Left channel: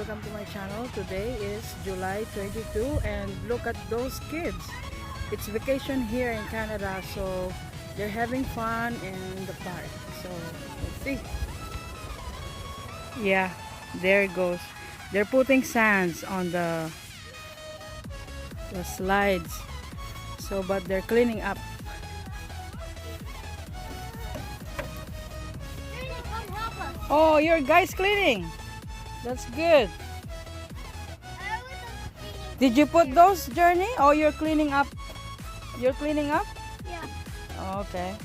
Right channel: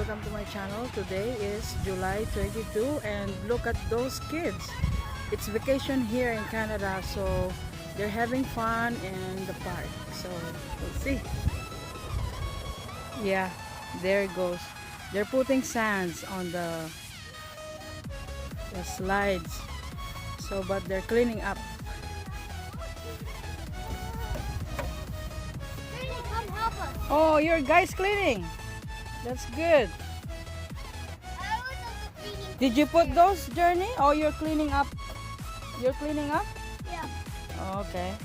welcome to my channel. Today is July 22 and look at those kids. It's vacation here in Canada, so they're having fun in the park. So let's see. Yeah, there it goes. They're putting sands on the slides. So but they're cleaning up. Oh, your guys cleaning. That's good. Did you put those, Journey? Oh, you're cleaning up. You're cleaning up? Yeah. Oh, okay.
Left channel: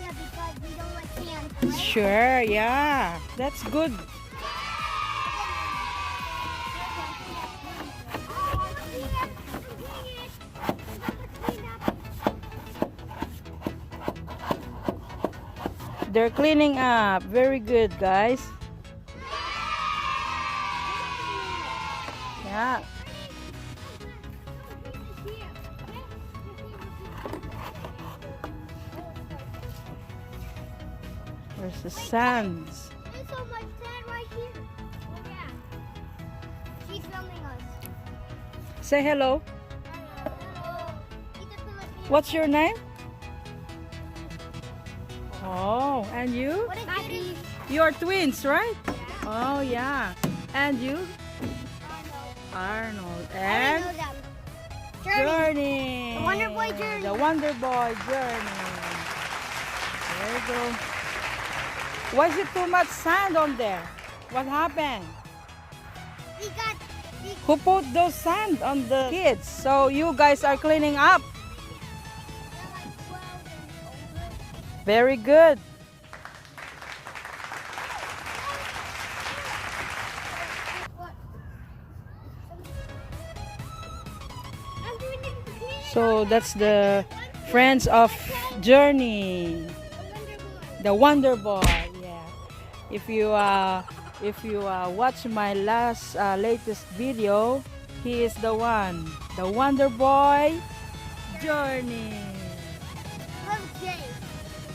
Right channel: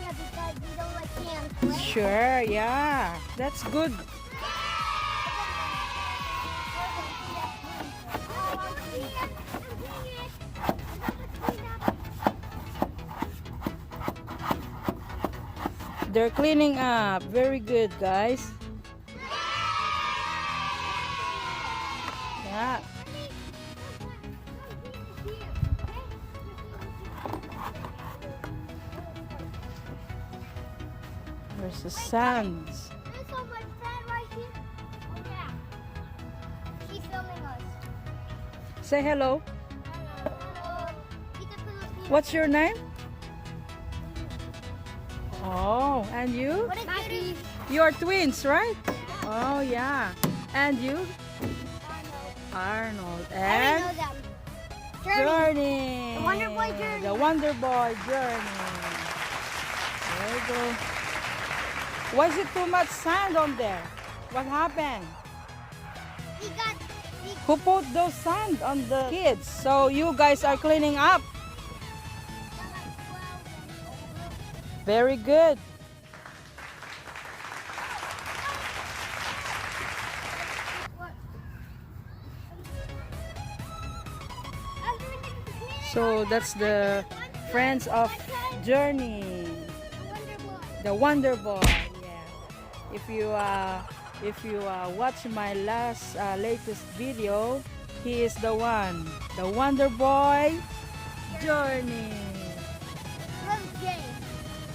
Yeah, because we don't like sand, right? Sure, yeah. That's good. They're cleaning up. Very good, guys. Yeah. There's the sand. There's so much sand right here. Oh yeah. She's filming us. Say hello. Hello. What's your name? Oh, and you? What is Maggie? You're twins, right? Yeah. Oh, yeah. And you? Arnold. And I know them. Journey. The Wonder Boy Journey. The Wonder Boy Journey. There you go. Why is it too much sand on there? What happened? Who put the sand on the kids? So you guys are cleaning up. Very good. So that's the friends of Journey, the Wonder Boy. Yeah. If you watch my latest video, he is the one, the Wonder Boy Journey.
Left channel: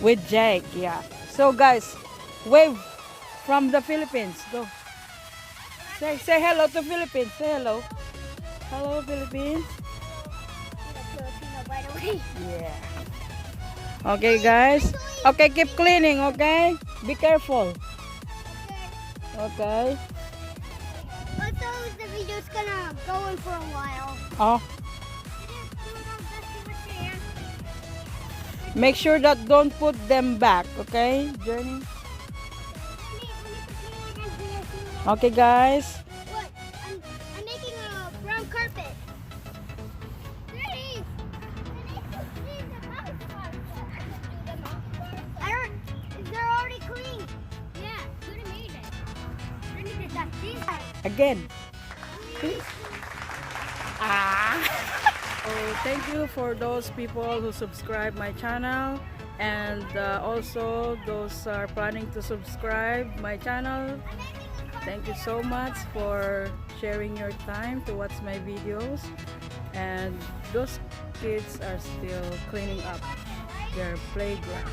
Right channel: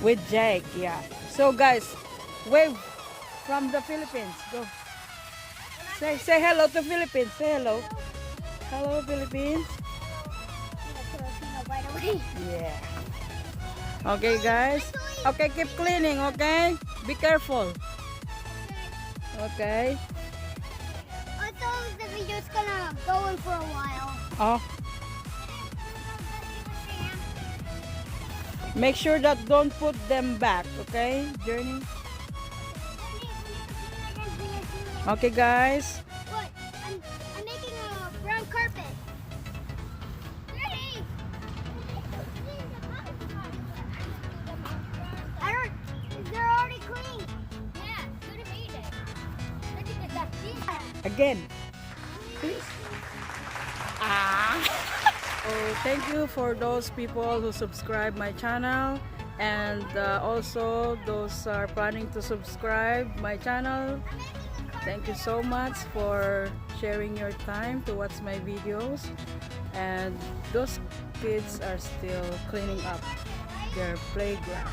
With Jake, yeah. So guys, wave from the Philippines. Go. Say hello to Philippines. Say hello. Hello Philippines. Yeah. Okay guys. Okay, keep cleaning, okay? Be careful. Okay. Also, the video's gonna go on for a while. Oh. Make sure that don't put them back, okay, Journey? Okay, guys. What? I'm making a brown carpet. They're already clean. Yeah, who made it? I need to duck these. Again. So thank you for those people who subscribe my channel, and also those are planning to subscribe my channel. Thank you so much for sharing your time to watch my videos. And those kids are still cleaning up their playground.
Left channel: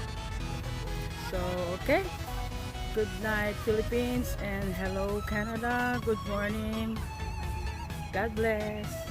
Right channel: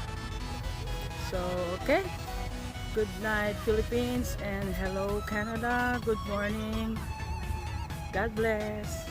So okay, good night Philippines, and hello Canada. Good morning. God bless.